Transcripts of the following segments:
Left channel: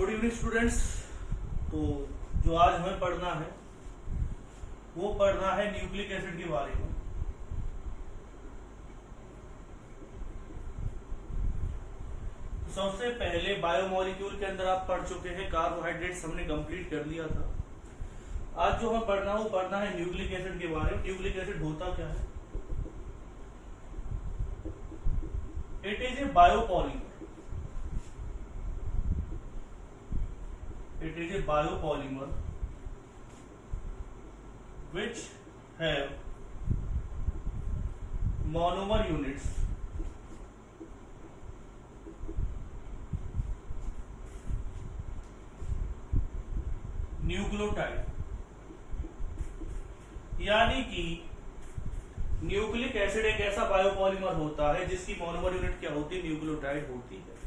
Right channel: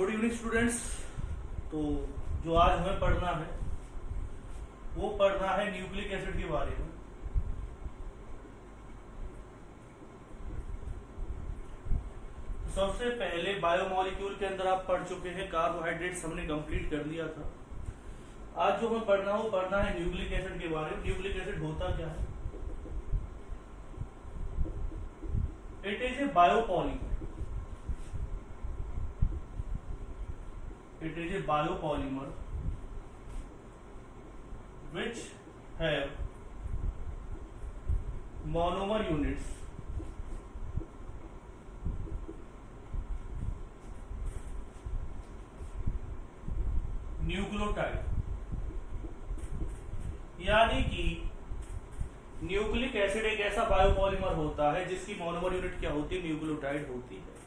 Good evening students. तो जो आज हमें पढ़ना है वो पढ़ना है न्यूक्लिक एसिड के बारे में। तो सबसे पहले बायोमोलिक्यूल के अंदर आप पढ़ चुके हैं, कार्बोहाइड्रेट्स हमने कंप्लीट कर लिया था। आज जो हमें पढ़ना है वो पढ़ना है न्यूक्लिक एसिड के बारे में। न्यूक्लिक एसिड होता क्या है? It is a biopolymer. It is a biopolymer which have monomer units nucleotide, यानी कि न्यूक्लिक एसिड एक ऐसा बायोपॉलीमर होता है जिसकी मोनोमर यूनिट क्या होती है? न्यूक्लियोटाइड होती है।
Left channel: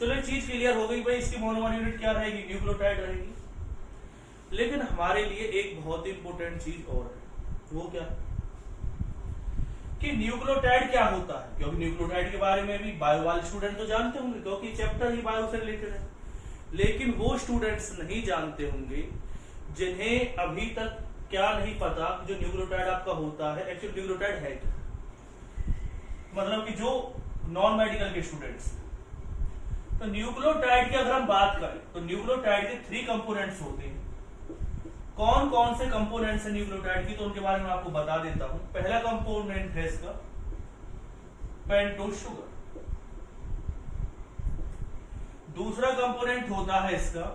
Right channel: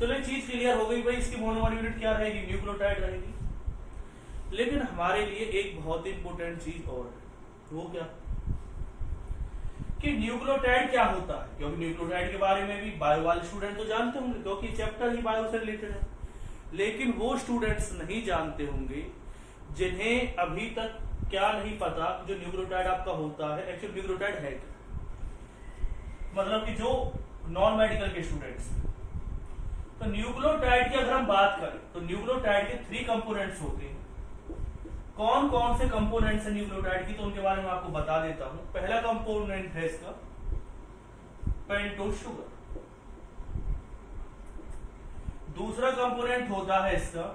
चलो एक चीज क्लियर हो गई भाई, इसकी मोनोमर यूनिट क्या रहेगी? न्यूक्लियोटाइड रहेगी। लेकिन हमारे लिए एक बहुत ही इंपॉर्टेंट चीज और है, वो क्या कि न्यूक्लियोटाइड क्या होता है? क्योंकि न्यूक्लियोटाइड के बारे में भी बायो वाले स्टूडेंट तो जानते होंगे क्योंकि चैप्टर ही बायो से रिलेटेड है। लेकिन वो स्टूडेंट्स नहीं जानते होंगे जिन्हें अभी तक क्या नहीं पता जो न्यूक्लियोटाइड आपका होता है एक्चुअली न्यूक्लियोटाइड है क्या। मतलब कि जो नॉन मेडिकल के स्टूडेंट्स, तो न्यूक्लियोटाइड की अगर हम बात करें तो न्यूक्लियोटाइड के 3 कंपोनेंट्स होते हैं। कौन कौन से कंपोनेंट्स हैं न्यूक्लियोटाइड की, तो उनके बारे में आपको बता देता हूं। पहला कंपोनेंट है इसका पेंटोज शुगर। दूसरा कंपोनेंट होता है इसका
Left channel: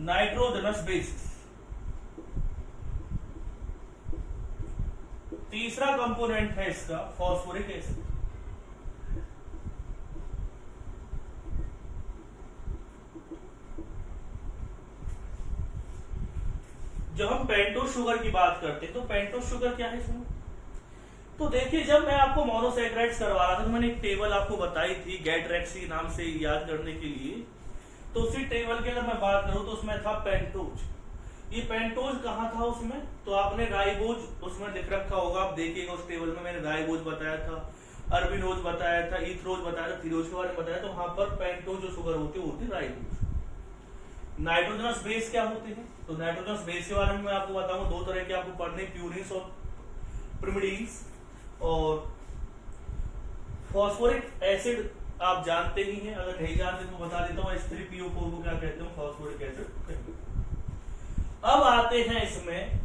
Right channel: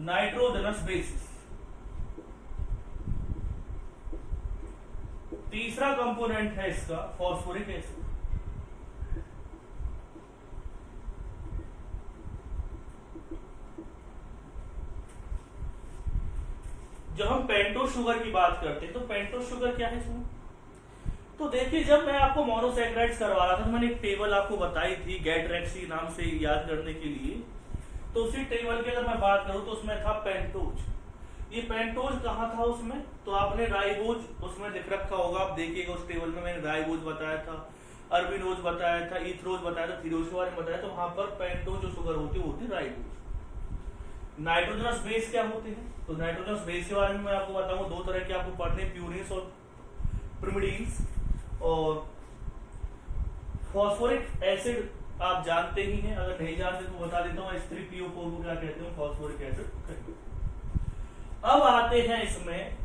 नाइट्रोजनस बेसिस। तीसरा कंपोनेंट है इसका फॉस्फोरिक एसिड। जब हम पेंटोज शुगर की बात करते हैं तो पेंटोज शुगर क्या है इसमें? तो देखिए, जब मैं आपको मोनोसैकेराइड्स करवा रहा था तो मैंने एक टेबल आपको बताई थी गैट-रेक्सी नाम से याद करने के लिए। तो उसी टेबल की अगर मैं बात करूं तो उसमें था पेंटोज। ये पेंटोज कहाँ था उसमें? तो आपने राइबोज उसमें लिख रखा होगा, आप देखिएगा उस टेबल में मैंने राइबोज बताया था, अरबिनोज बताया था, ईथरोज बताया था, थीरोज के बारे में बताया। तो वहां पर पेंटोज जो शुगर होती है वो होती राइबोज। नाइट्रोजनस बेस क्या होते हैं? तो नाइट्रोजनस बेस के बारे में मैं आपको बताऊंगा। 2 तरह के आपको पढ़ने, प्यूरिन्स और पिरिमिडीन्स। और फॉस्फोरिक एसिड आप जानते ही हैं, अगर नहीं जानते तो बता देता हूँ। H3PO4 को क्या कहते हैं? फॉस्फोरिक एसिड कहेंगे। अब आते हैं इसमें,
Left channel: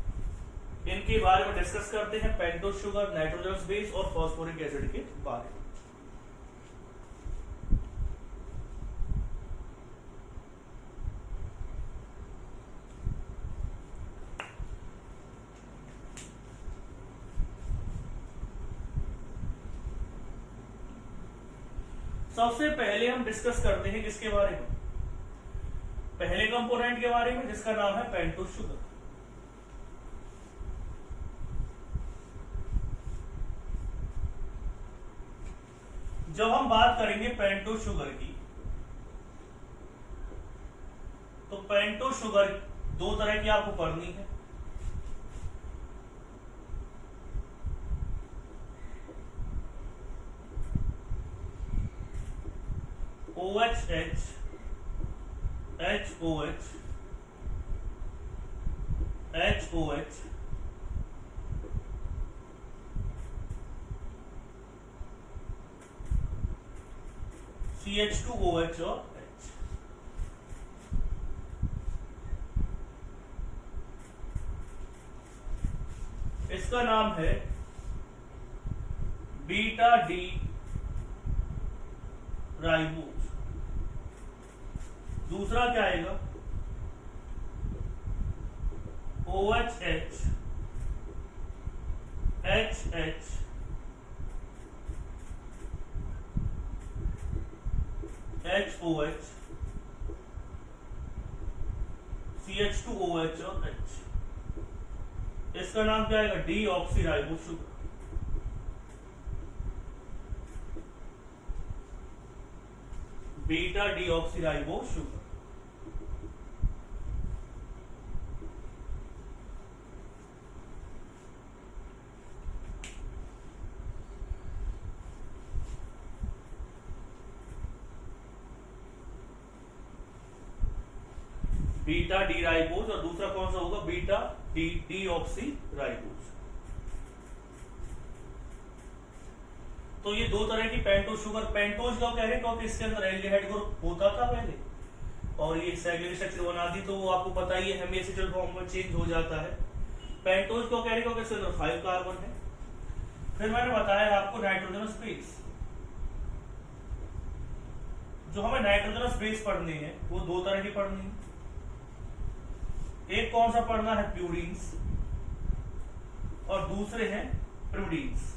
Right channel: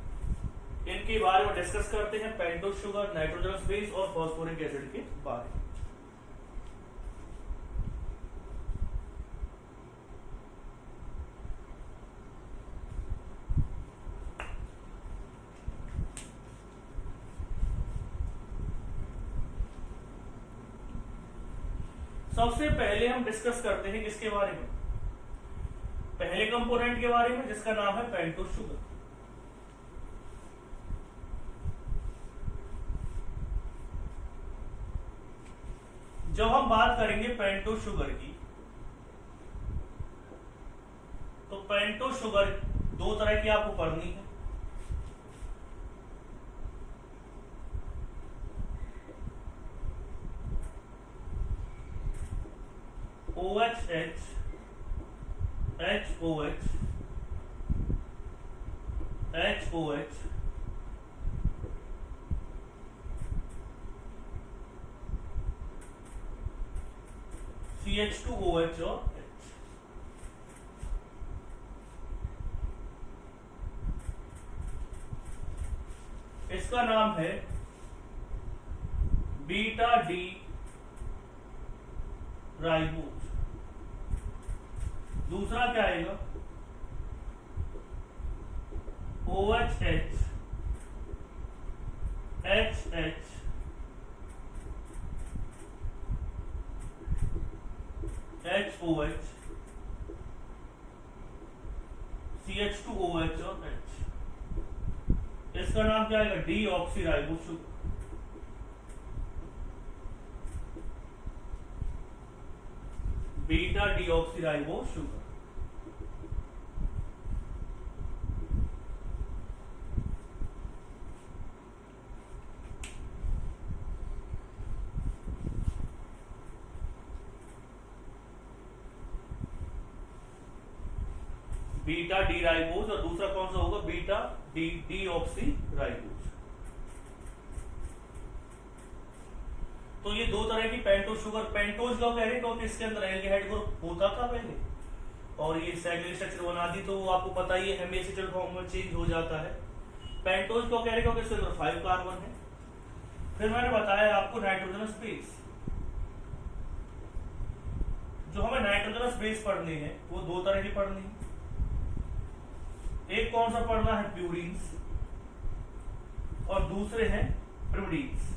इनके बारे में डिस्कस करते हैं, पेंटोज शुगर, नाइट्रोजनस बेस और फॉस्फोरिक एसिड के बारे में। सबसे पहले हम डिस्कस करते हैं किसके बारे में? पहले कंपोनेंट के बारे में जिसका नाम है पेंटोज शुगर। जब हम बात करेंगे पेंटोज शुगर की, तो पेंटोज शुगर 2 तरह की आपको पढ़नी है। OHH, HOH, HOH, CH2OH और H। इसका नाम है बीटा डी राइबोज। दूसरा क्या आएगा? OHH, HH, HOH, CH2OH और H। इसका नाम क्या आएगा? D oxy ribose sugar. Beta D oxy ribose sugar. Beta D ribose, और दूसरा कौन सा होगा, beta D D oxy ribose. तो ये दो तरह की पेंटोज शुगर, पेंटोज का कह रहे क्योंकि इसके अंदर एल्डिहाइड ग्रुप होता था पहले, और ये साइक्लिक स्ट्रक्चर बना दी, तो वो आपको पता ही है हेमिएसिकल फॉर्म में चेंज हो जाता है। पेंटोज को कह रहे क्योंकि इसके अंदर 5 कार्बन है। फिर मैंने बताया आपको नाइट्रोजनस बेस, जो हमें नाइट्रोजनस बेस पढ़ने हैं वो दो तरह की पढ़नी है। एक कौन सा पढ़ना है, प्यूरीन्स, और दूसरे हैं प्रिमिडीन्स।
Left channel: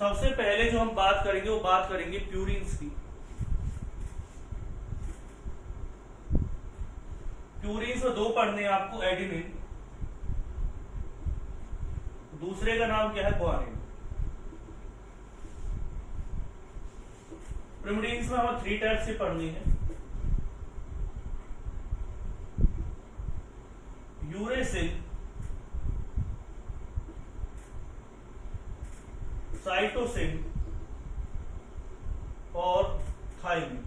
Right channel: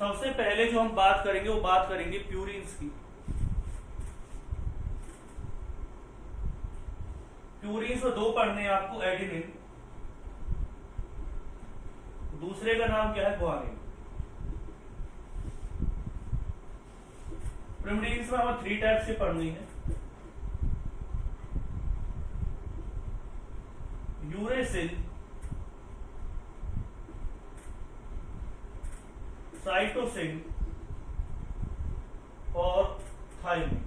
सबसे पहले जो हम बात करेंगे वो बात करेंगे प्यूरीन्स की। प्यूरीन्स में दो पढ़ने हैं आपको, एडिनिन, दूसरे का नाम क्या है, ग्वानिन। प्रिमिडीन्स में हमें 3 टाइप से पढ़नी है, यूरेसिल, साइटोसिन और थाइमिन।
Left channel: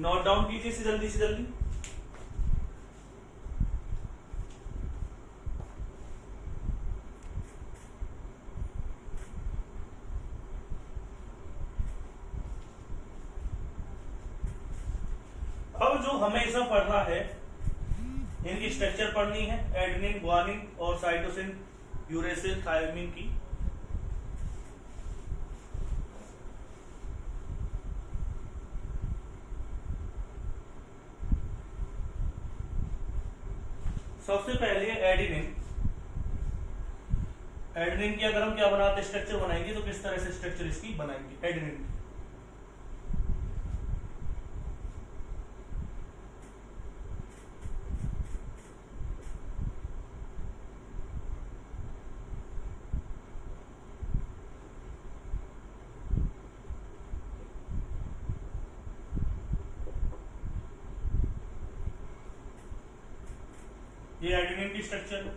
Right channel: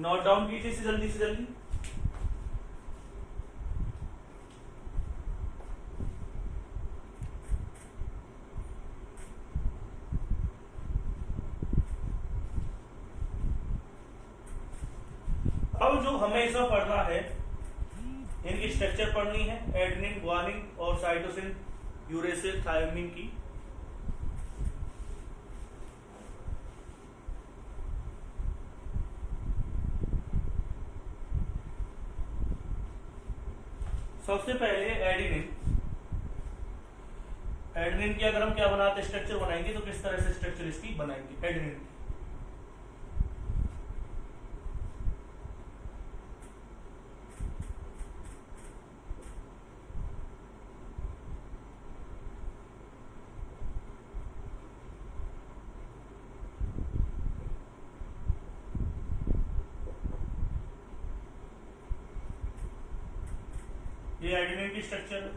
नोट डाउन कीजिए से जल्दी से जल्दी। अब जो हमें इसमें पढ़ना है, इनकी स्ट्रक्चर पढ़नी है, एडेनिन, ग्वानिन और साइटोसिन, यूरेसिल, थायमिन की। सबसे पहले एडेनिन। एडेनिन की अगर हम क्या बनाते स्ट्रक्चर बनाएंगे तो किस तरह से स्ट्रक्चर इसकी बनाएंगे एडेनिन। ये एडेनिन की स्ट्रक्चर है।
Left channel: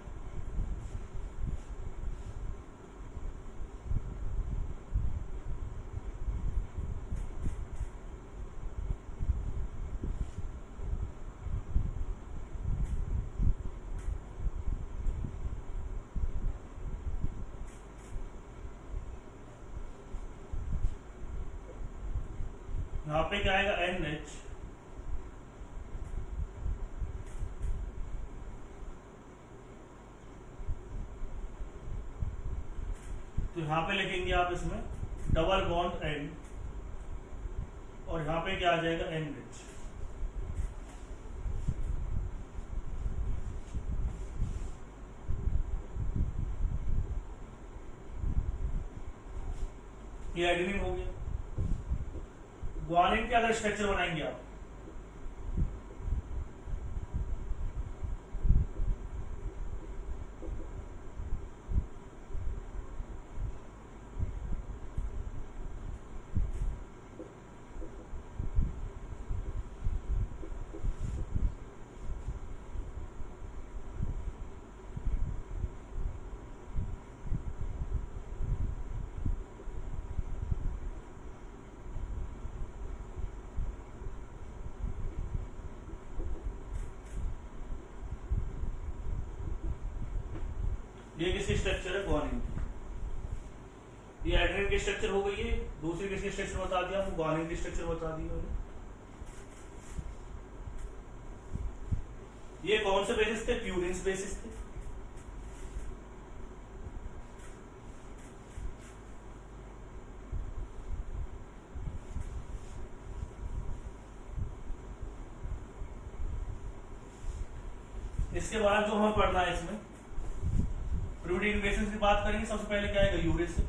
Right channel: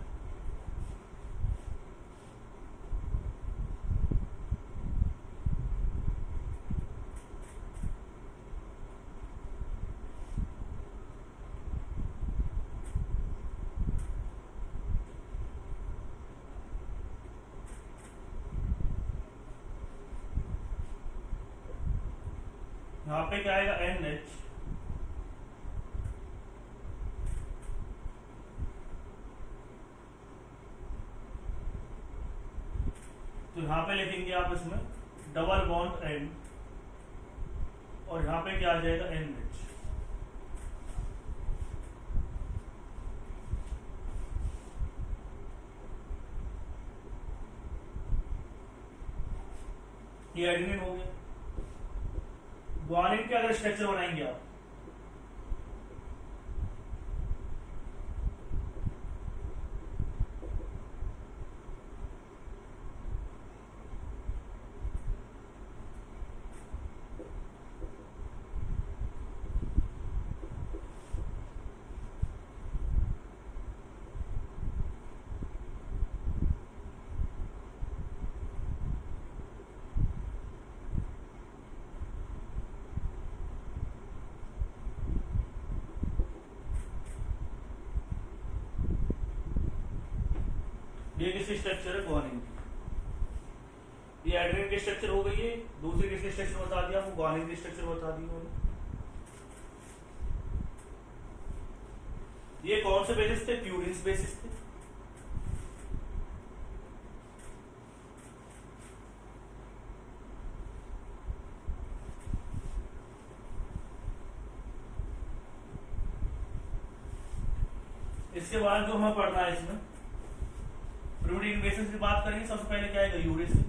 यहां पे क्या आएगा, NH, तो यहां पे लिखेंगे आप इसमें डबल बॉन्ड N, और यहां पे क्या आ जाएगा, NH। ये एडेनिन हो गया। ग्वानिन के अगर स्ट्रक्चर बनाएंगे आप, ये किसकी स्ट्रक्चर है, ग्वानिन की। ये एडेनिन की स्ट्रक्चर हो गई है। दूसरी किसकी स्ट्रक्चर बता दिया, वो ग्वानिन की स्ट्रक्चर बता दी उन्होंने। ये कौन से बेसिस थे, प्यूरिन्स बेसिस थे। इसके बाद जो हमें पढ़ना है इसमें प्रिमिडिन बेसिस की बात करेंगे। सबसे पहले क्या आएगा, यूरेसिल।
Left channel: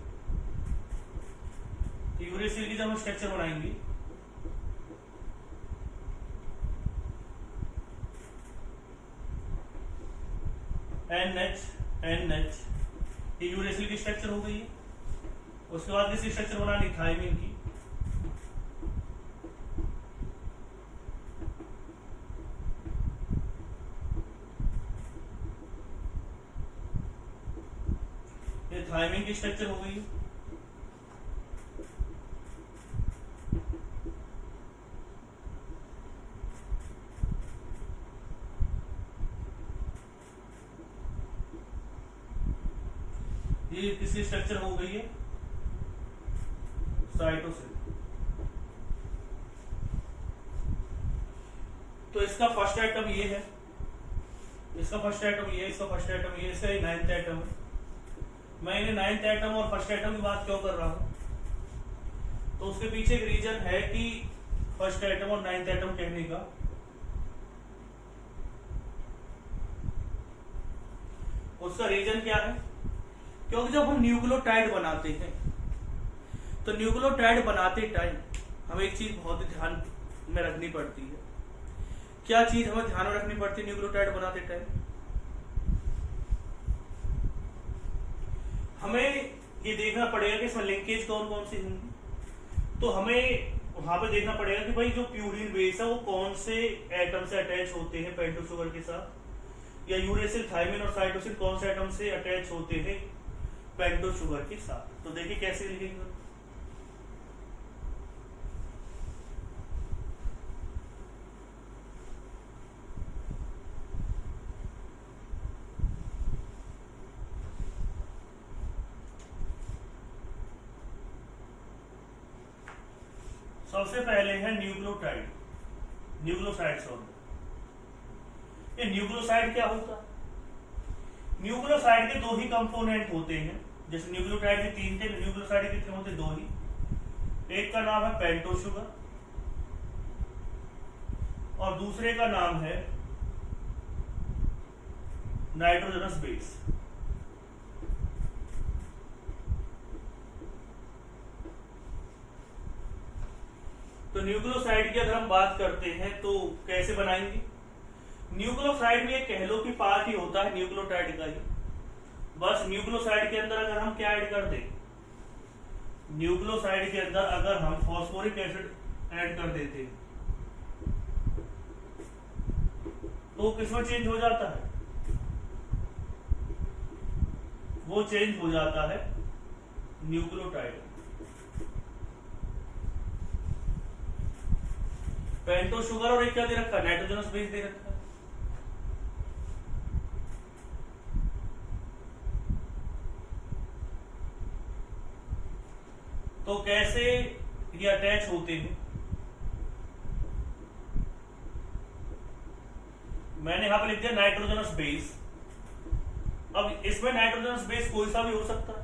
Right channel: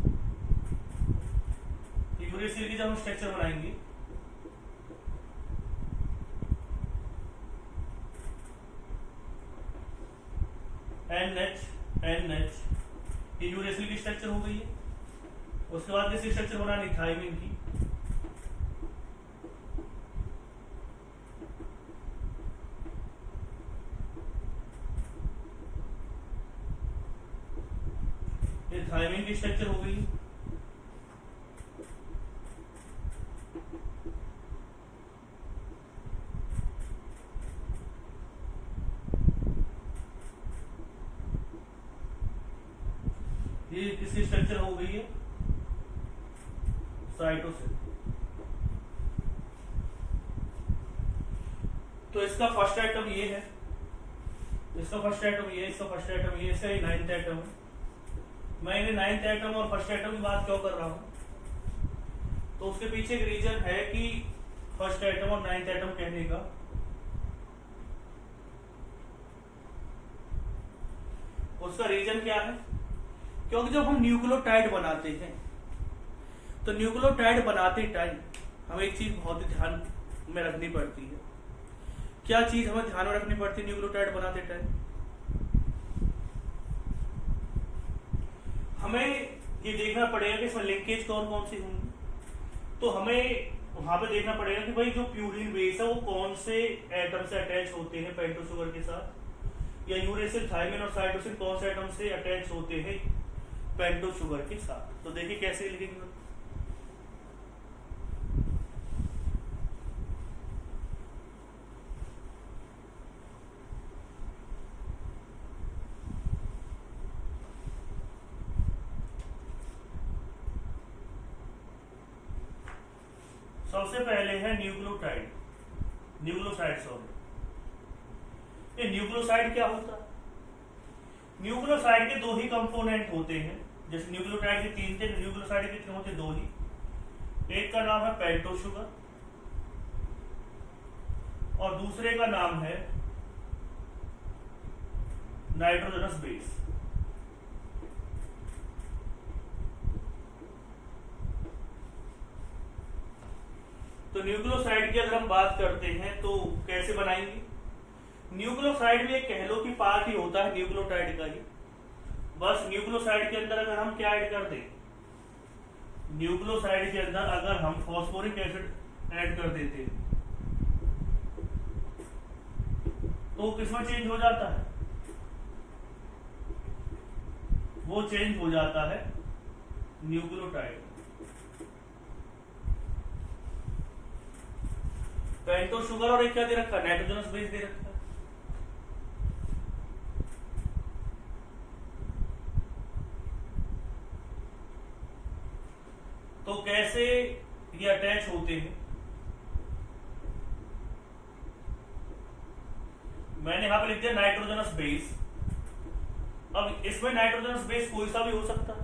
तो यूरेसिल की जब हम स्ट्रक्चर बनाएंगे, NH, ये यूरेसिल की स्ट्रक्चर हो गई है। उसके बाद किसकी स्ट्रक्चर बनानी, थायमिन की। थायमिन की स्ट्रक्चर हो गई, ये किसकी स्ट्रक्चर हो गई है, साइटोसिन। तो इसका फर्स्ट आइटम ये है, इसका फर्स्ट आइटम ये, इसका फर्स्ट आइटम ये, इसका ये 9th आइटम है। मैं इन्हें 9th आइटम और फर्स्ट आइटम की बात क्यों कर रहा हूं, तो उसके पीछे एक रीजन है कि फर्स्ट आइटम और 9th आइटम कहने का। उसका रीजन क्या है, क्योंकि जब हम न्यूक्लियोटाइड बनाते हैं तो न्यूक्लियोटाइड बनाते टाइम हमें एक चीज बहुत ही ध्यान में रखनी पड़ती है। क्या चीज हमें ध्यान में रखनी पड़ती है न्यूक्लियोटाइड बनाते टाइम, हमें ये देखना पड़ेगा कि इसमें लिंकेज कौन कौन सी होंगी। तो हमें वहां पे देखना पड़ेगा कि भाई जो प्यूरिन बेस है वो कौन से एटम से अटैच होते हैं पेंटोस शुगर के साथ, या यूरेसिल, थायमिन और साइटोसिन कौन से एटम से अटैच होते हैं पेंटोस शुगर के साथ। तो देखिए कैसे लिखेंगे, सबसे पहले है न्यूक्लियोटाइड, न्यूक्लियोसाइड सॉरी। ये न्यूक्लियोसाइड क्या होता है, न्यूक्लियोसाइड के दो ही कंपोनेंट होते हैं, जैसे न्यूक्लियोटाइड के 3 थे, न्यूक्लियोसाइड के कितने होते, 2 ही। एक का नाम है पेंटोस शुगर और दूसरे का नाम है नाइट्रोजनस बेस। तो न्यूक्लियोसाइड की अगर हम बात करते हैं तो कैसे बनाएंगे, न्यूक्लियोसाइड भी एक कह लो कि पार्ट ही होता है न्यूक्लियोटाइड का ही। बस न्यूक्लियोसाइड के अंदर अगर हम क्या ऐड कर दें, न्यूक्लियोसाइड के अंदर अगर हम फॉस्फोरिक एसिड ऐड कर देते तो किसमें चेंज हो जाता है, वो चेंज हो जाता है न्यूक्लियोटाइड। पेंटोस शुगर और एक क्या दे रखा है, नाइट्रोजनस बेस दे रखा है। तो कैसे ये अटैच होते हैं, मैंने यहां पे लिख दिया नाइट्रोजनस बेस। अब इसमें नाइट्रोजनस बेस कोई सा भी हो सकता है,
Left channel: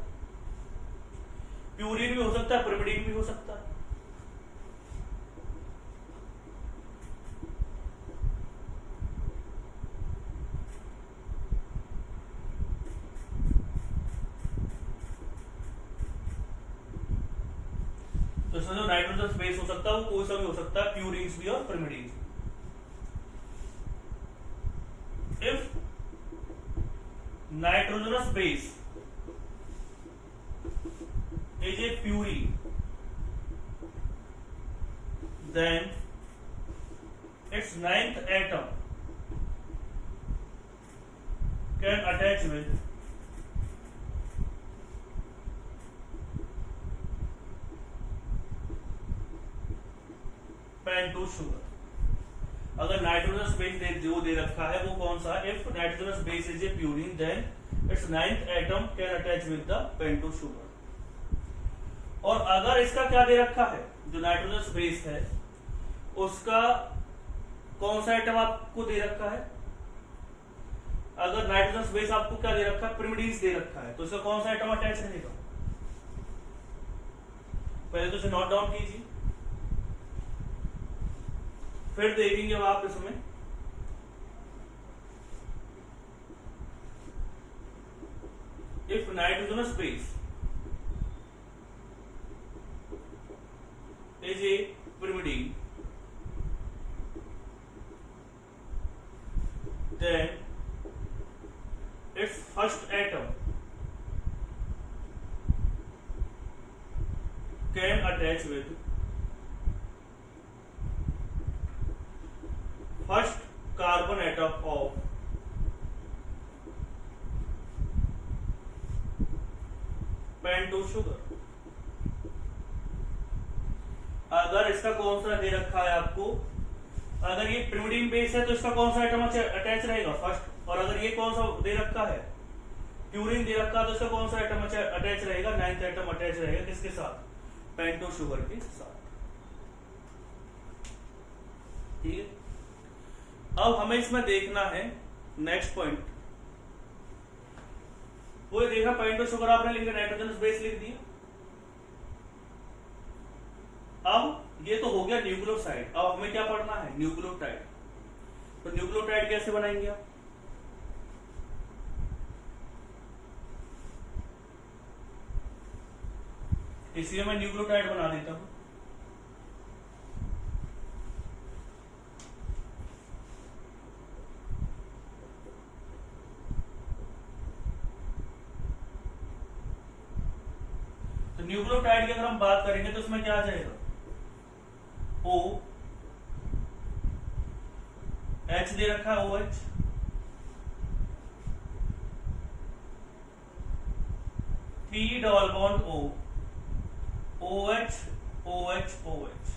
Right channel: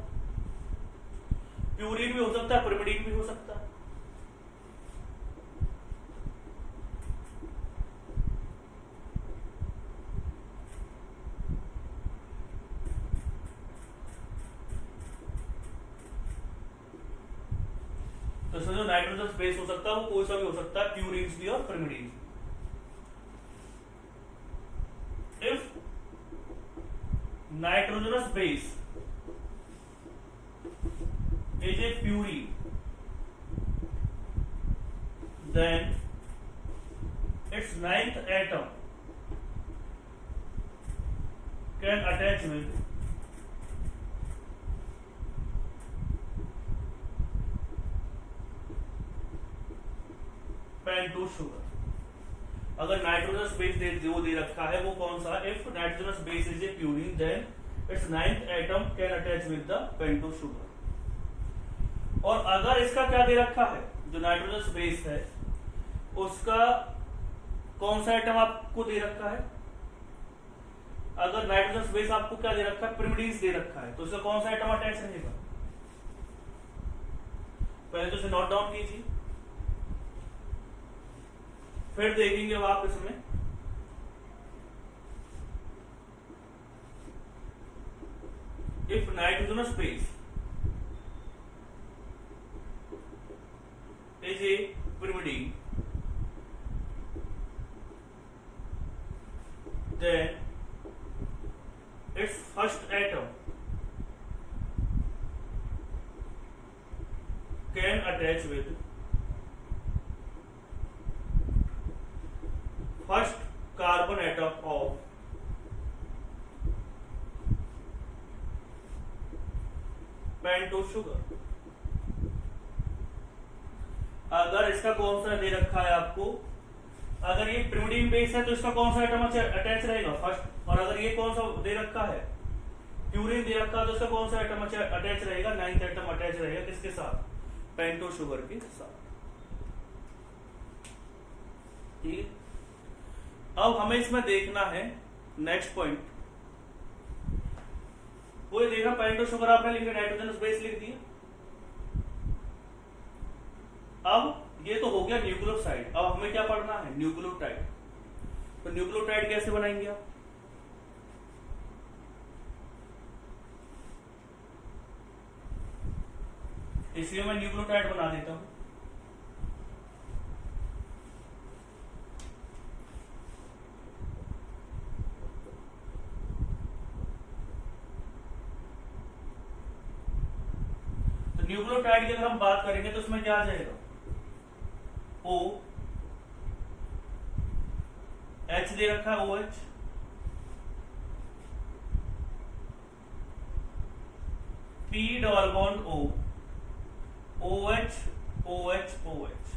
प्यूरिन भी हो सकता है, पिरिमिडीन भी हो सकता है। तो इसमें जो नाइट्रोजनस बेस हो सकता है वो कोई सा भी हो सकता है, प्यूरिन्स भी और पिरिमिडीन्स भी। If nitrogenous base is a purine, then its 9th atom can attach with pentose sugar. अगर नाइट्रोजनस बेस जो दे रखा है वो कौन सा, if nitrogenous base is a purine then it's 9th atom can attach with the pentose sugar. और अगर इसका क्या दे रखा है, जो नाइट्रोजनस बेस है उसका कौन सा एटम आपको दे रखा है, अगर नाइट्रोजनस बेस आपको क्या दे रखा है, पिरिमिडीन्स दे रखा है, तो इसका कौन सा एटम अटैच रहेगा, पहले तो इसे नोट डाउन कीजिए, फिर देखेंगे आप इसमें। If nitrogenous base is A pyrimidine, then its first atom can attach with first carbon atom of pentose sugar. अगर इसका कौन सा दे रखा है आपको, अगर ये pyrimidine बेस है तो इसका कौन सा एटम अटैच रहेगा फर्स्ट, और अगर ये कौन सा दे रखा है प्यूरिन दे रखा है तो इसका कौन सा एटम अटैच रहेगा, 9th एटम अटैच रहेगा किसके साथ, पेंटोस शुगर के साथ। ठीक है, अब हमें इसमें देखना है नेक्स्ट पॉइंट, वो ये देखा पेंटोस शुगर आपने लिखा, नाइट्रोजनस बेस लिख दिया। अब ये तो हो गया न्यूक्लियोसाइड, अब हमें क्या पढ़ना है, न्यूक्लियोटाइड। तो न्यूक्लियोटाइड कैसे बनाएंगे आप, इसलिए मैं न्यूक्लियोटाइड बना देता हूं। तो न्यूक्लियोटाइड की अगर हम बात करेंगे तो उसमें क्या आ जाएगा, ओ एच दे रखा है, O H, P double bond O, O H O H O H,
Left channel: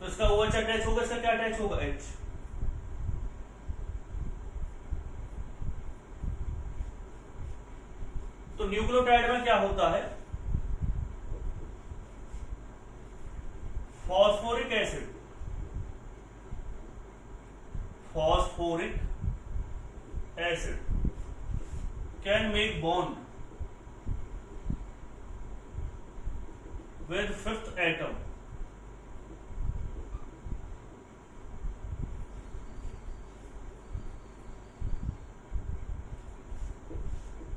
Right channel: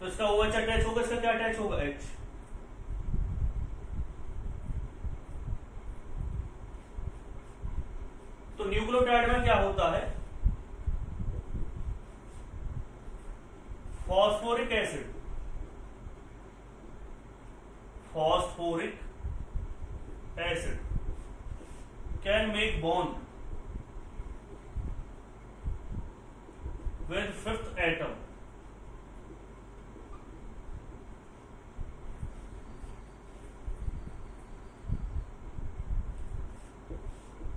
तो इसका ओ एच अटैच होगा, इसका क्या अटैच होगा, एच। तो न्यूक्लियोटाइड में क्या होता है, phosphoric acid, phosphoric acid can make bond with fifth atom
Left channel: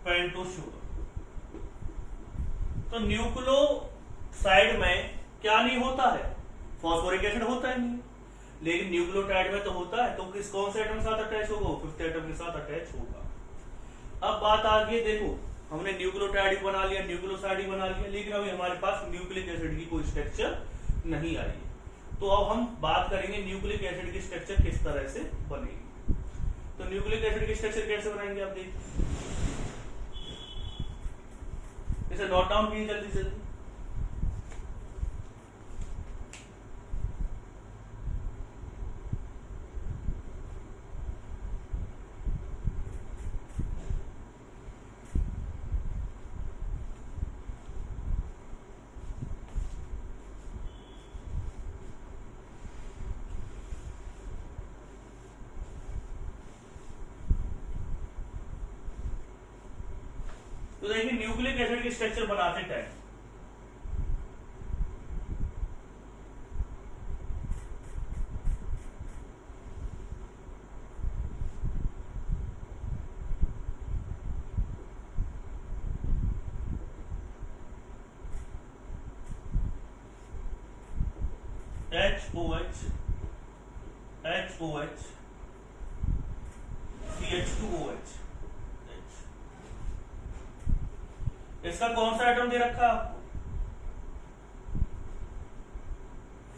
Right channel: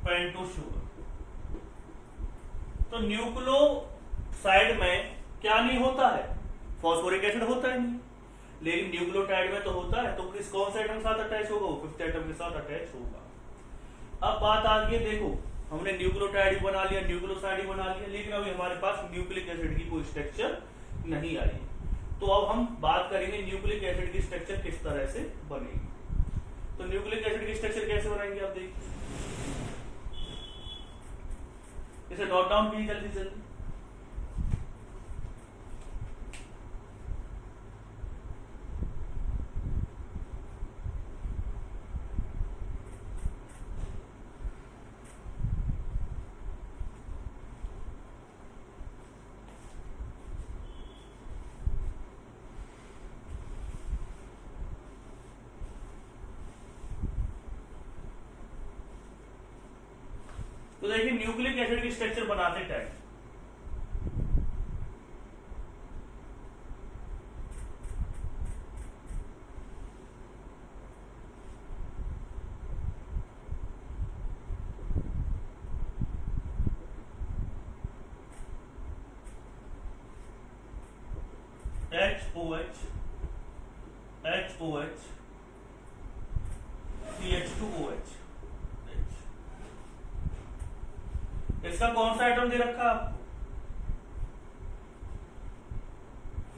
pentose sugar. तो न्यूक्लियोसाइड में क्या नहीं होता है, फॉस्फोरिक एसिड होता ही नहीं, लेकिन न्यूक्लियोटाइड में तो होता है। तो किस कौन से एटम के साथ अटैच होगा, फिफ्थ एटम के साथ अटैच होगा। अब बात आ गई, देखो हमने न्यूक्लियोटाइड बना लिया, न्यूक्लियोसाइड ही बना लिया, लेकिन अभी हमारे पास न्यूक्लिक एसिड की कोई स्ट्रक्चर नहीं आई। तो अब हम बात करेंगे न्यूक्लिक एसिड की स्ट्रक्चर किस तरह से बनेगी। तो न्यूक्लिक एसिड की स्ट्रक्चर कैसे बनाएंगे आप देखिए, इसे नोट डाउन कीजिए जल्दी से जल्दी। तो देखिए न्यूक्लिक एसिड की स्ट्रक्चर बनाते टाइम HOH HOH CH2OH, इसका कौन सा एटम दे रखा आपको,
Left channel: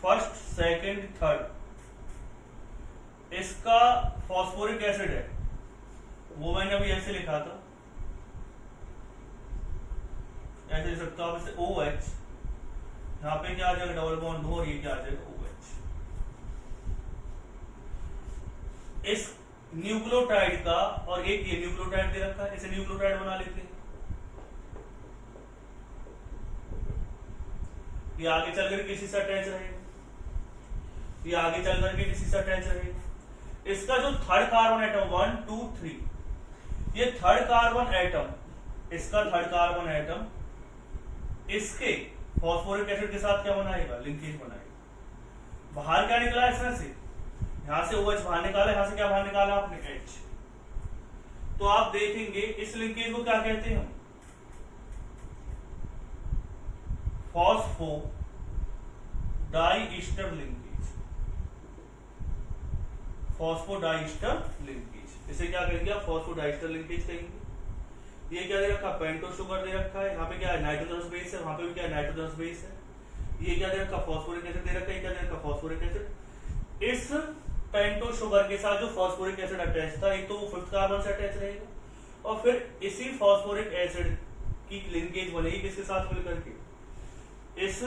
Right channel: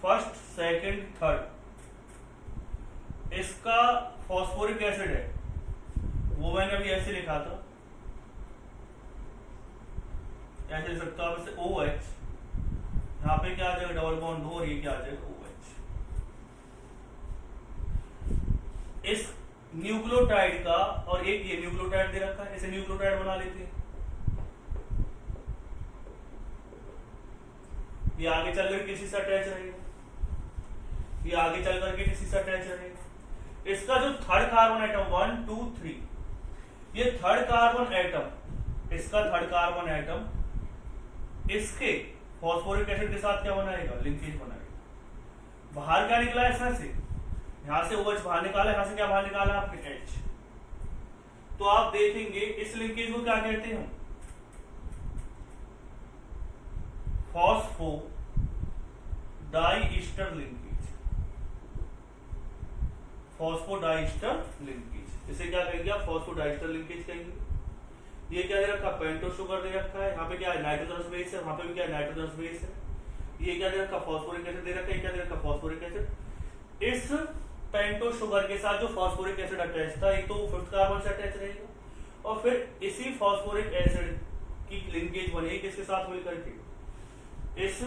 फर्स्ट सेकंड थर्ड, इसका फॉस्फोरिक एसिड है, वो मैंने अभी ऐसे लिखा था, ऐसे लिख सकता हूं, इसे OH, यहां पे क्या आ जाएगा, डबल बॉन्ड हो, और ये क्या आ जाएगा, OH। इस न्यूक्लियोटाइड का, और एक ये न्यूक्लियोटाइड दे रखा है, इसे न्यूक्लियोटाइड बना लेते हैं। ये आगे चल करके किसी से अटैच रहेगा, ये आगे चल करके किसी से अटैच रहेगा। इसका जो थर्ड कार्बन एटम 1 2 3, ये थर्ड कार्बन एटम, इसका थर्ड कार्बन एटम इसके फॉस्फोरिक एसिड के साथ क्या बनाएगा, लिंकेज बनाएगा। बाहर क्या निकला इसमें से, यहां से OH बाहर निकाला, यहां से क्या बाहर निकाला आपने, H। तो आप देखेंगे इस लिंकेज को क्या कहते हैं, फॉस्फोडाइस्टर लिंकेज, फॉस्फोडाइस्टर लिंकेज, इसे क्या कहेंगे आप, फॉस्फोडाइस्टर लिंकेज कहेंगे। ये क्या दे रखा, पेंटोस शुगर दे रखा है, यहाँ पे क्या है, नाइट्रोजनस बेस है, वहां पे भी क्या है, नाइट्रोजनस बेस है। ये क्या दे रखा, फॉस्फोरिक एसिड दे रखा है, क्या दे रखा, फॉस्फोरिक एसिड। इस पेंटोस शुगर के साथ जो फॉस्फोरिक एसिड अटैच था, एक तो फिफ्थ कार्बन से अटैच रहेगा, और फिर इसी फॉस्फोरिक एसिड की लिंकेज बनेगी किसके साथ मिलकर के, इस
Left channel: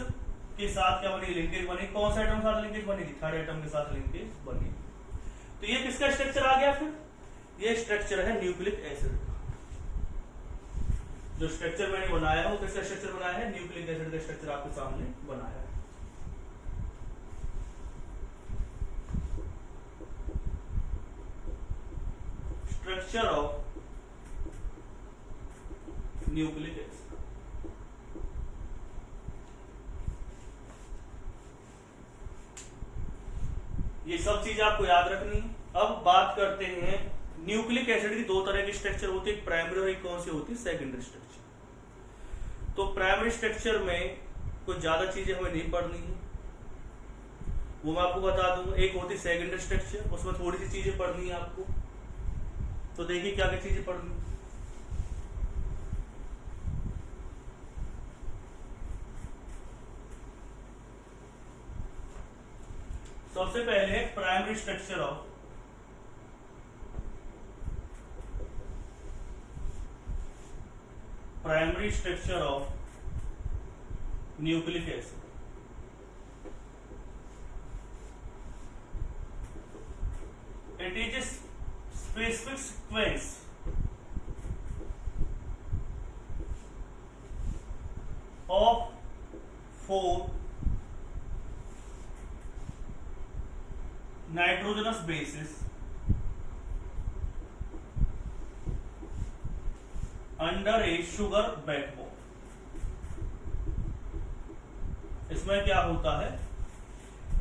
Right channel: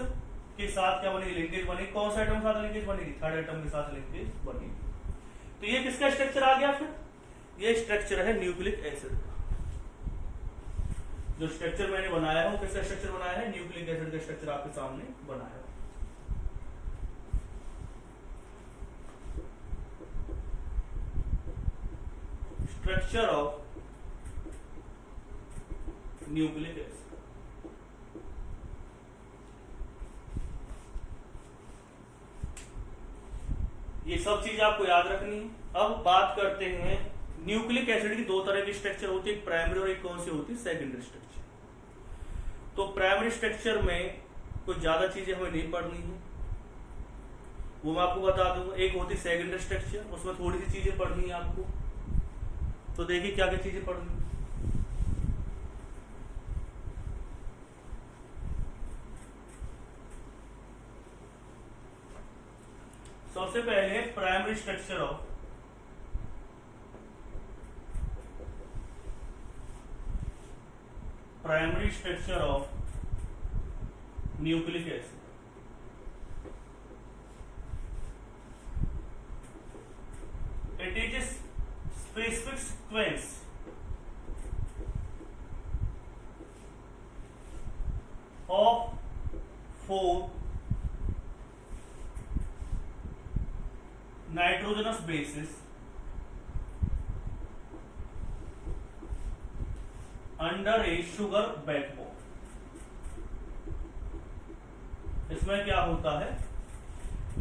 के साथ क्या बनेगी, लिंकेज बनेगी। कौन सा आइटम के साथ लिंकेज बनेगी, थर्ड आइटम के साथ लिंकेज बनेगी। तो ये किसका स्ट्रक्चर आ गया, फिर ये स्ट्रक्चर है न्यूक्लिक एसिड का। जो स्ट्रक्चर मैंने बनाया है वो किसका स्ट्रक्चर बनाया है, न्यूक्लिक एसिड का स्ट्रक्चर आपके सामने बनाया है। Structure of nucleic acid. ये सब चीज आपको याद रखनी है। अब बात करते हैं, न्यूक्लिक एसिड की दो तरह की स्ट्रक्चर होती है, एक प्राइमरी और एक कौन सी होती है, सेकेंडरी स्ट्रक्चर। तो प्राइमरी स्ट्रक्चर में कुछ ज्यादा चीजें हमें नहीं पढ़नी है, वो मैं आपको बता दूंगा। एक होती है सेकेंडरी स्ट्रक्चर, उसमें थोड़ी सी चीजें पढ़नी है आपको। तो देखिए क्या क्या चीजें पढ़नी है। सबसे पहले primary structure of nucleic acid. It is a specific sequence of 4 nitrogenous bases under a sugar backbone। इसमें क्या होता है,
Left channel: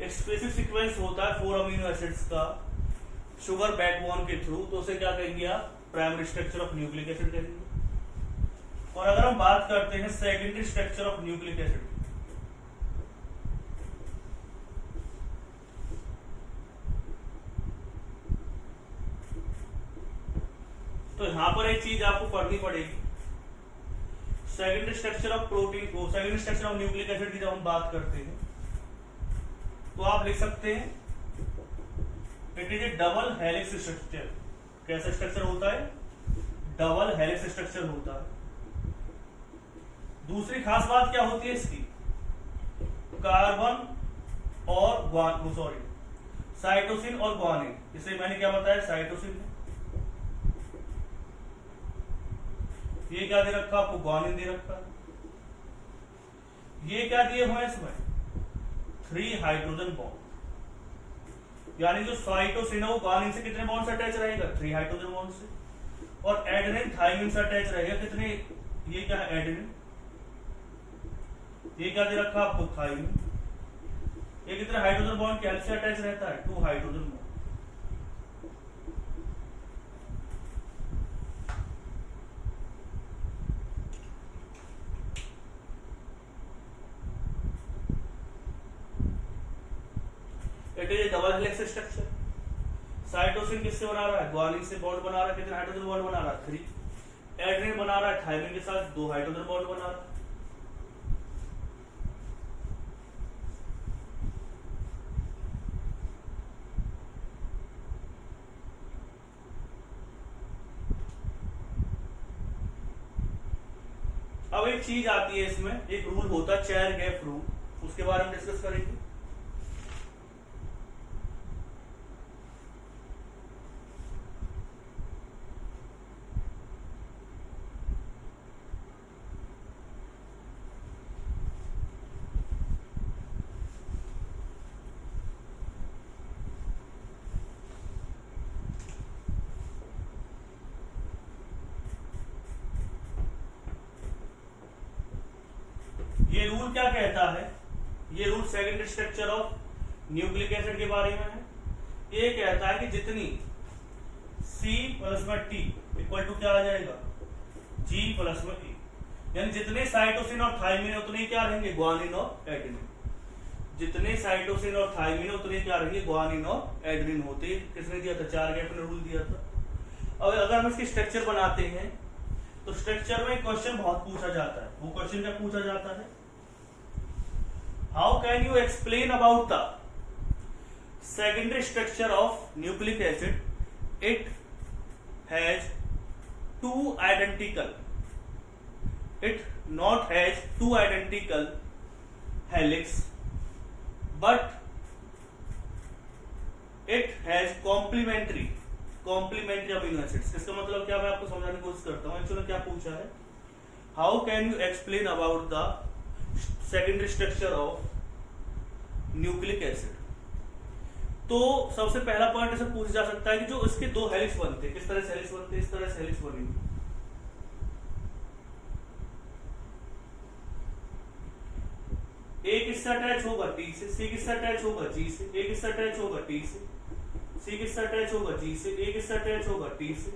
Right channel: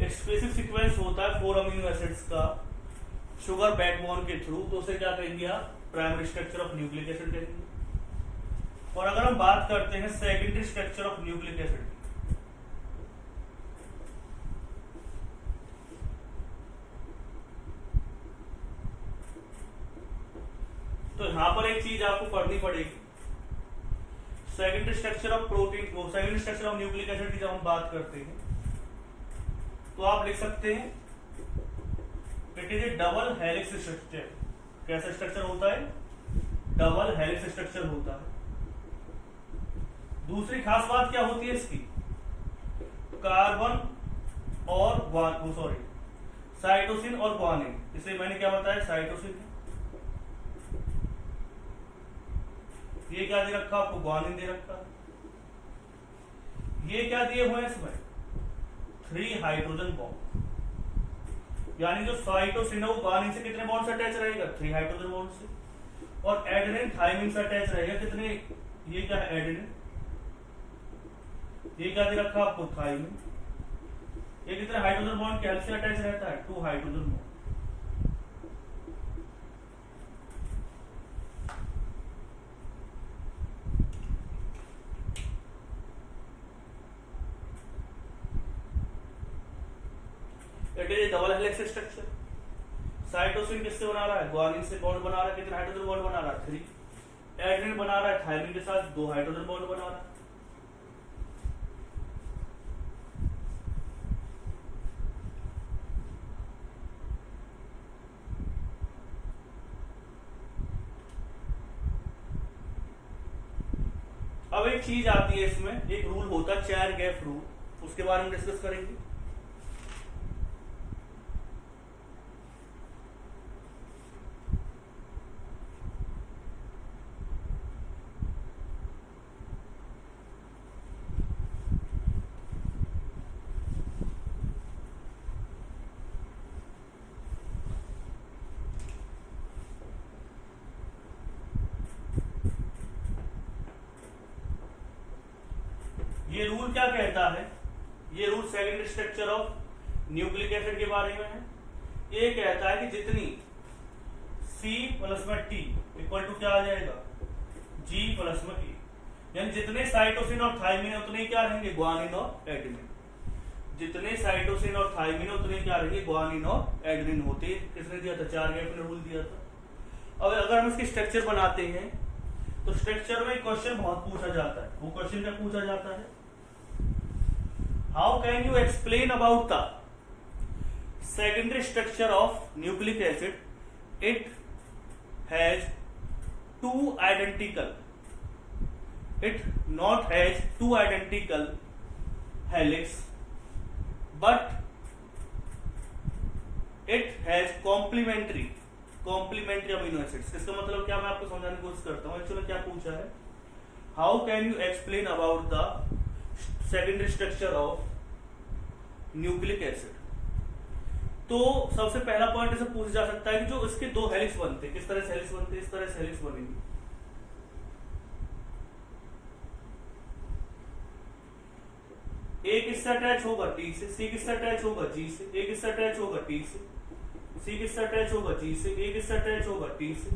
एक स्पेसिफिक सीक्वेंस होता है 4 अमीनो एसिड्स का शुगर बैकबोन के थ्रू, तो उसे क्या कहेंगे आप, primary structure of nucleic acid कहेंगे। और अगर हम बात करते हैं secondary structure of nucleic acid, तो यहां पर एक चीज आपको पढ़नी पड़ेगी। सेकेंडरी स्ट्रक्चर ऑफ प्रोटीन को, secondary structure of nucleic acid की जब हम बात करते हैं तो आप लिख सकते हैं it is A double helix structure. कैसा स्ट्रक्चर होता है, डबल हेलिक्स स्ट्रक्चर होता है। दूसरी खास बात क्या होती है इसकी, कार्बन और साइटोसिन और ग्वानिन। इसे मैंने क्या बताया, साइटोसिन, ये क्या दे रखा आपको, ग्वानिन दे रखा। ये क्या दिए हुए हैं इसमें, 3 हाइड्रोजन बॉन्ड। यानी जो साइटोसिन है वो ग्वानिन से कितने बॉन्ड से अटैच रहेगा, 3 हाइड्रोजन बॉन्ड से। और एडेनिन थाइमिन से अटैच रहेगा कितने, ये क्या है एडेनिन, ये क्या दे रखा आपको, थाइमिन। ये कितने हाइड्रोजन बॉन्ड के हेल्प से अटैच रहता है, 2 hydrogen bond. It is A double helix structure. Cytosine किससे बना रहा है, ग्वानिन से बॉन्ड बना रहा है, कितने हाइड्रोजन बॉन्ड बना रहा है, 3। एडेनिन बना रहा है थाइमिन के साथ 2 हाइड्रोजन बॉन्ड बना रहा है। अब एक चीज आती है इसमें, एक रूल होता है चेयर गैप रूल, उसके बारे में डिस्कस करेंगे। ये रूल क्या कहता है, ये rule secondary structure of nucleic acid के बारे में है। ये कहता है कि जितनी C प्लस में T इक्वल टू क्या आ जाएगा, G प्लस में E, यानी जितने साइटोसिन और थाइमिन उतने क्या रहेंगे, ग्वानिन और एडेनिन। जितने साइटोसिन और थाइमिन उतने क्या रहेंगे, ग्वानिन और एडेनिन होते। किसने दिया था, चार गैप ने रूल दिया था। अब अगर हम इसकी स्ट्रक्चर बनाते हैं तो स्ट्रक्चर में क्वेश्चन बहुत पूछा जाता है। वो क्वेश्चन क्या पूछा जाता है, how can you explain about the secondary structure of nucleic acid, it has 2 identical it not has two identical helix but it has complementary amino acids। इसका मतलब क्या, मैं आपको समझाने की कोशिश करता हूँ। एक्चुअली क्या पूछा है, how can you explain about the secondary structure of nucleic acid. तो सबसे पहला पॉइंट ऐसे पूछा जा सकता है कि जो इसके दो हेलिक्स बनते, किस तरह से हेलिक्स बनते, इस तरह से हेलिक्स बनेंगे। एक इससे अटैच होगा टी से, सी किससे अटैच होगा जी से, एक इससे अटैच होगा टी से, सी किससे अटैच होगा जी से, एक इससे अटैच होगा टी से,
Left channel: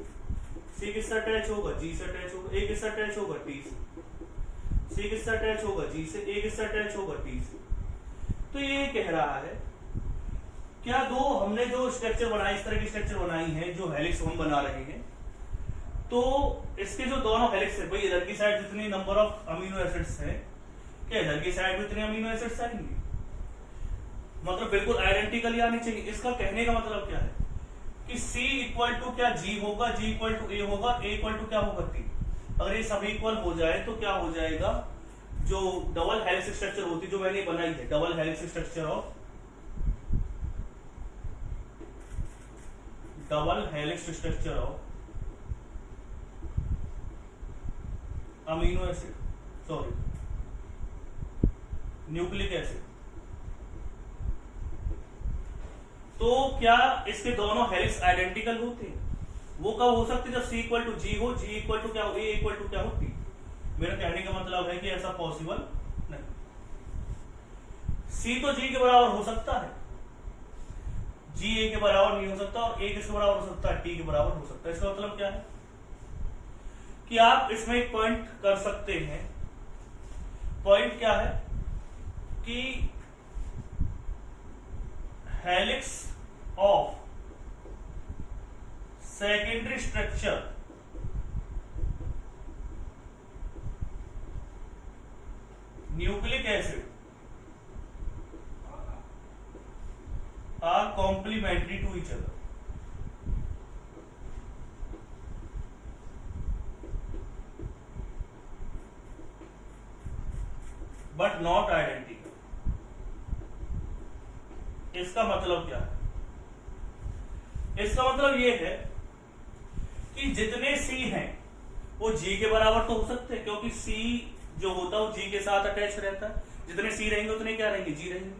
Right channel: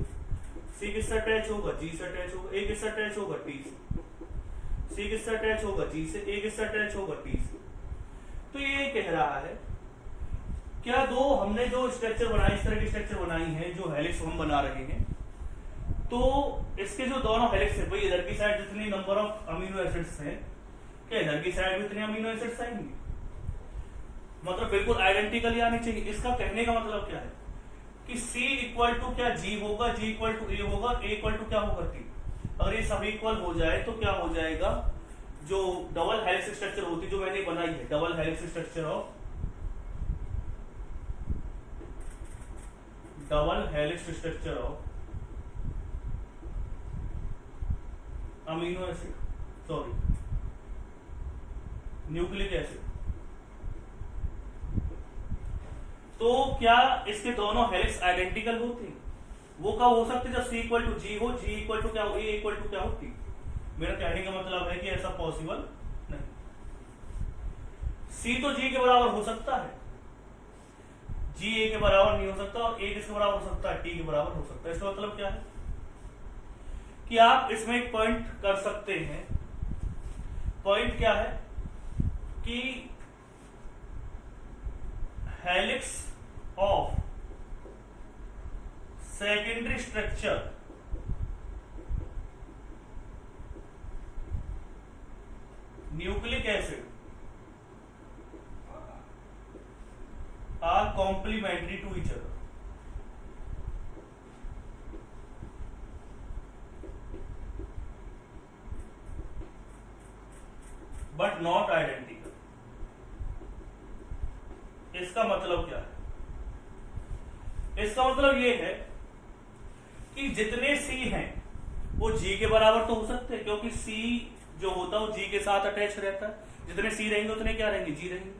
सी किससे अटैच होगा जी से अटैच होगा, एक इससे अटैच होगा टी से, सी किससे अटैच होगा जी से, एक इससे अटैच होगा टी से। तो ये कह रहा है क्या दो हमने जो स्ट्रक्चर बनाई, इस तरह की स्ट्रक्चर बनाई है, जो हेलिक्स हम बना रहे हैं, तो इसके जो दोनों हेलिक्स है, भाई इधर की साइड जितनी नंबर ऑफ अमीनो एसिड्स हैं, क्या इधर की साइड में इतने अमीनो एसिड्स आएंगे, मतलब बिल्कुल आइडेंटिकल आने चाहिए। इसका कहने का मतलब क्या है कि C इक्वल टू क्या G होगा, G इक्वल टू A होगा, A इक्वल टू क्या होगा T। अगर ये सभी इक्वल हो जाए तो क्या हो जाएगा, जो डबल हेलिक्स स्ट्रक्चर होती जो मैंने बनाई है, double helix structure of amino acid, sorry nucleic acid. तो क्या इसके दोनों हेलिक्स आइडेंटिकल होते हैं? वो कब हो सकते, जब C इक्वल टू G हो, G इक्वल टू क्या हो, A इक्वल टू क्या होती। मेरा कहने का मतलब है कि ऐसा पॉसिबल नहीं। C तो G के बराबर हो सकता है, G A के बराबर नहीं हो सकता, और A किसके बराबर हो सकता है, T के बराबर हो सकता है। इसका मतलब क्या है कि आप इसमें एक पॉइंट कर सकते हैं। पॉइंट क्या है कि helix of secondary structure nucleic acid are complementary to each other. But not identical. इसका मतलब क्या है, इसका मतलब ये है कि जितने सी हैं वो जी के बराबर तो हो सकते हैं, क्योंकि सी जो होता है वो जी के साथ अटैच रहता है। जितने सी रहेंगे उतने क्या रहेंगे, जी रहेंगे।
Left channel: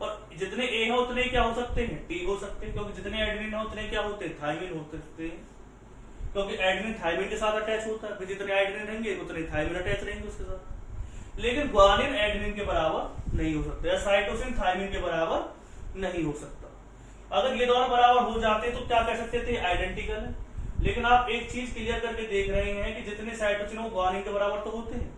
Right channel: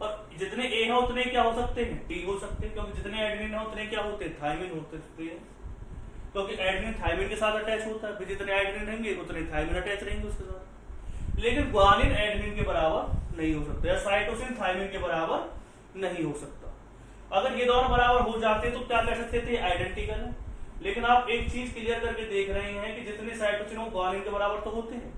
और जितने ए है उतने क्या हो सकते हैं, टी हो सकते हैं, क्योंकि जितने एडेनिन है उतने क्या होते हैं, थायमिन होते हैं, क्योंकि एडेनिन थायमिन के साथ अटैच होता है। फिर जितने एडेनिन रहेंगे उतने थायमिन अटैच रहेंगे उसके साथ। लेकिन ग्वानिन एडेनिन के बराबर नहीं हो सकता, या साइटोसिन थायमिन के बराबर नहीं हो सकता। अगर ये दोनों बराबर हो जाते तो क्या कह सकते थे, आइडेंटिकल है। लेकिन आप एक चीज क्लियर करके देख रहे हैं कि जितने साइटोसिन वो ग्वानिन के बराबर तो होते हैं,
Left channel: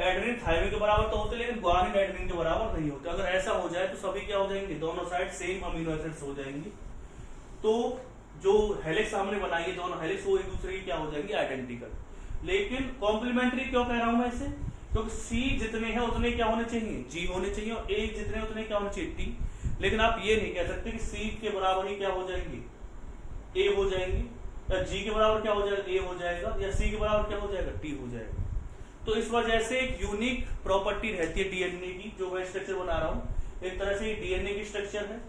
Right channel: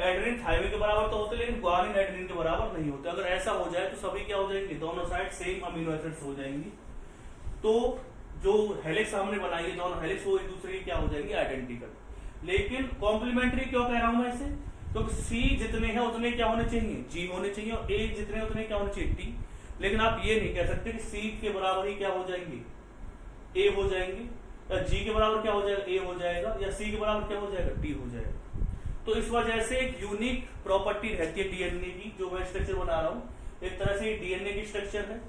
एडेनिन थायमिन के बराबर तो होते हैं, लेकिन ग्वानिन एडेनिन के बराबर नहीं होते। अगर ऐसा हो जाए तो सभी क्या हो जाएंगे, दोनों साइड सेम अमीनो एसिड्स हो जाएंगी। तो जो हेलिक्स हमने बनाई है, दोनों हेलिक्स वो एक दूसरे की क्या हो जाएंगे, आइडेंटिकल। लेकिन कॉम्प्लीमेंट्री क्यों कह रहा हूं मैं इसे, क्योंकि सी जितने हैं उतने क्या होने चाहिए, जी होने चाहिए, और ए जितने उतने क्या होने चाहिए, टी। लेकिन आप ये नहीं कह सकते कि सी के बराबर ही क्या हो जाएंगे, ए हो जाएंगे, या जी के बराबर क्या हो जाएगा, ए हो जाएगा, या सी के बराबर क्या हो जाएगा, टी हो जाएगा। तो इस वजह से एक यूनिक प्रॉपर्टी रहती है डीएनए की, जो मैं स्ट्रक्चर बना रहा हूं। एक तरह से डीएनए की स्ट्रक्चर है,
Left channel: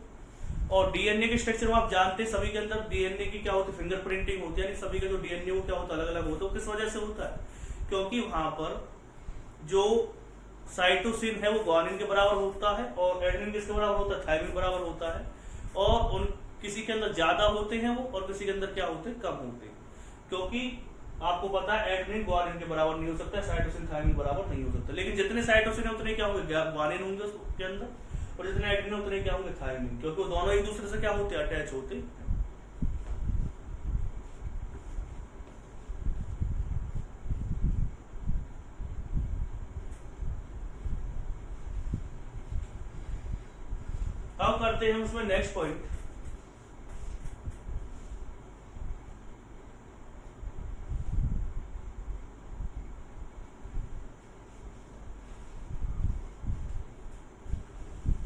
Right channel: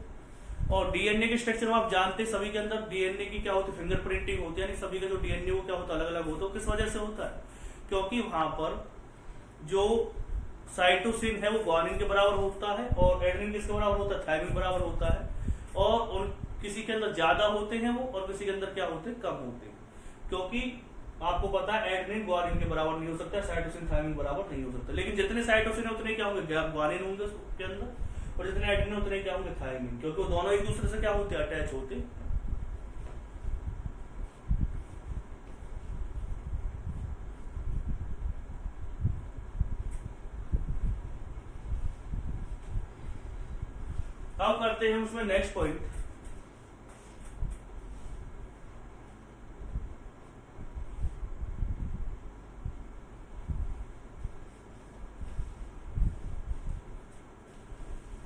और डीएनए के स्ट्रक्चर में आप जानते हैं सभी के अंदर डीएनए की क्या होती है, फिंगरप्रिंटिंग होती है। सभी का जो डीएनए वो क्या होता है, अलग अलग होता है। किस वजह से होता है, क्योंकि वहां पर जो साइटोसिन है वो ग्वानिन के बराबर होता है, और एडेनिन किसके बराबर होता है, थायमिन बराबर होता है। और उन किसी के अंदर ज्यादा होते हैं वो, और किसी के अंदर क्या होते हैं, कम होते हैं। क्योंकि आपको पता है एडेनिन ग्वानिन के बराबर नहीं हो सकता, साइटोसिन थायमिन बराबर नहीं हो सकता। लेकिन जितने साइटोसिन है उतने क्या होंगे, ग्वानिन होंगे उसके अंदर, और जितने एडेनिन है उतने क्या होंगे, थायमिन, क्योंकि वो दोनों एक दूसरे से क्या होते हैं, अटैच होते हैं। अब करते हैं उसमें नेक्स्ट पॉइंट।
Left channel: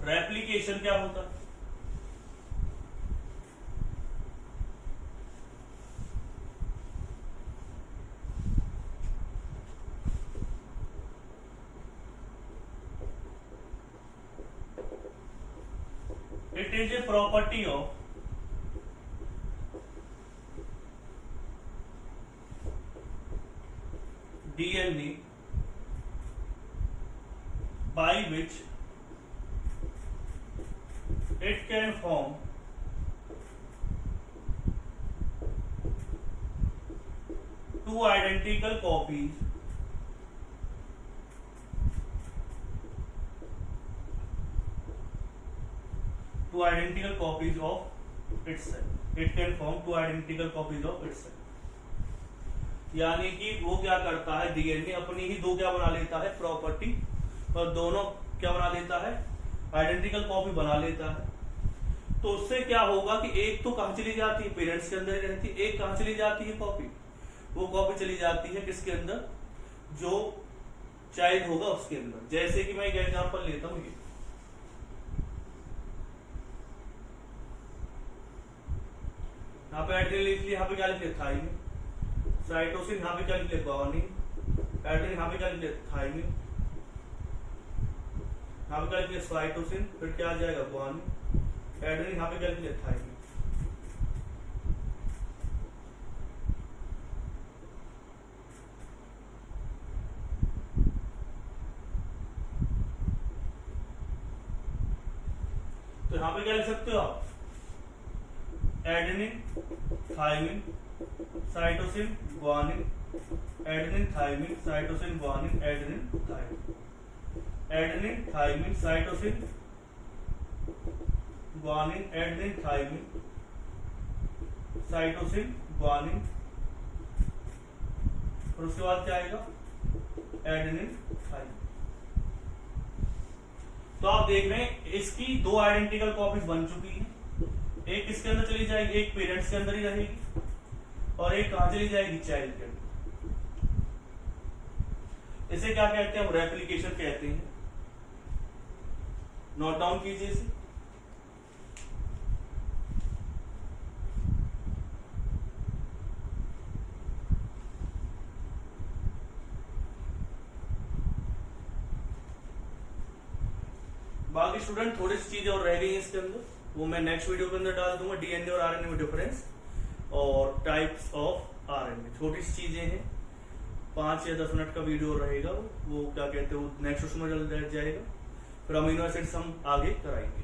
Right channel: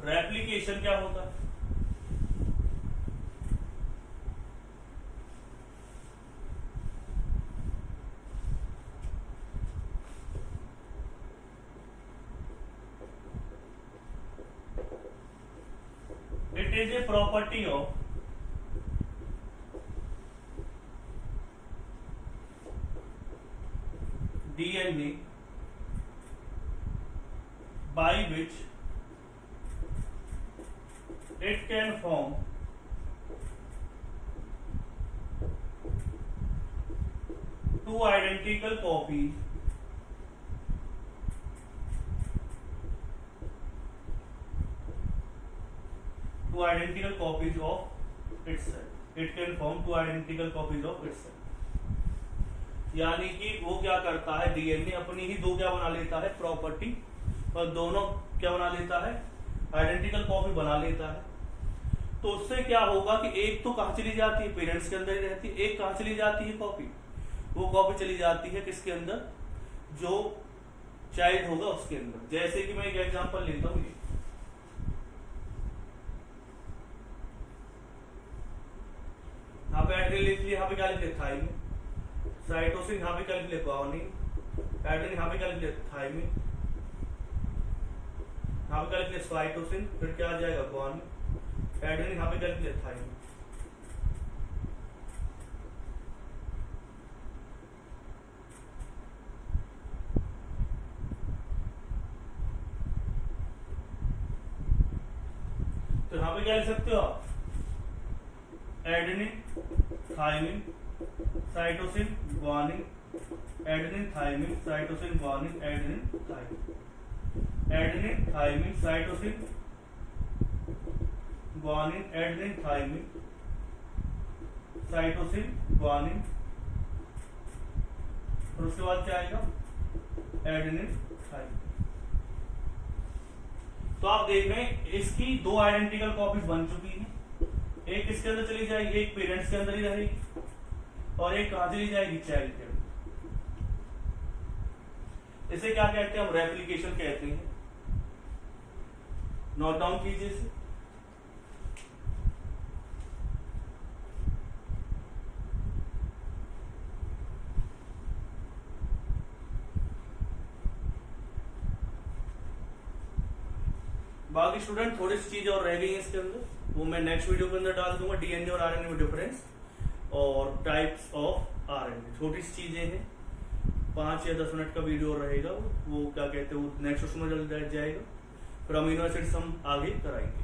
रेप्लिकेशन क्या होता है, it is a property of DNA by which it can form two identical copies of itself. It can form two identical copies of itself. यानी कि वो क्या करता है, डीएनए अपनी ही दो क्या बना लेता है, प्रॉपर्टी, और दोनों क्या बना लेता है, आइडेंटिकल कॉपी बना लेता है। तो उससे क्या होगा कि एक तो कहां चली जाती है, पेरेंट्स के अंदर ही रहती है, एक कहां चली जाती है कॉपी, वो कॉपी चली जाती है किसके अंदर, जो चाइल्ड होगा उसके अंदर। जैसे कि मैं एक एग्जांपल लेता हूं, ये यहाँ पे एड्रेस लिख लिया, यहाँ पे क्या लिख लिया, थाइमिन, साइटोसिन यहाँ पे क्या लिख लिया, ग्वानिन, एड्रेस यहाँ पे क्या लिख लिया, थाइमिन, यहाँ पे क्या लिख लिया, साइटोसिन, फिर क्या आ जाएगा, ग्वानिन, एड्रेस यहाँ पे क्या लिख लिया, थाइमिन। तो यहाँ पे क्या लिख सकते हो आप, adenine, thymine, cytosine, guanine, adenine, thymine, cytosine, guanine, adenine, thymine, adenine, thymine, cytosine, guanine, adenine, thymine, cytosine, guanine, और उसके बाद क्या आएगा, एडेनिन, थाइमिन। तो आप देख रहे हैं इसकी दो आइडेंटिकल कॉपीज बन चुकी हैं, एक किसके अंदर चली जाएगी, एक पेरेंट्स के अंदर ही रहेगी, और एक कहां चली जाएगी, चाइल्ड के अंदर। इसे क्या कहते हैं, हम रेप्लिकेशन कहते हैं। नोट डाउन कीजिए इसे। बाकी स्टूडेंट थोड़ी सी चीजें और रह गई हैं इसके अंदर, वो मैं नेक्स्ट वीडियो के अंदर डाल दूंगा। डीएनए और आरएनए में डिफरेंस और टाइप्स ऑफ आरएनए, छोटी सी चीजें हैं, 5 या 10 मिनट का वीडियो रहेगा, वो क्या कहते हैं, वो नेक्स्ट उसमें जल्द जाएगा। फिर अमीनो एसिड्स हम आगे कराएंगे।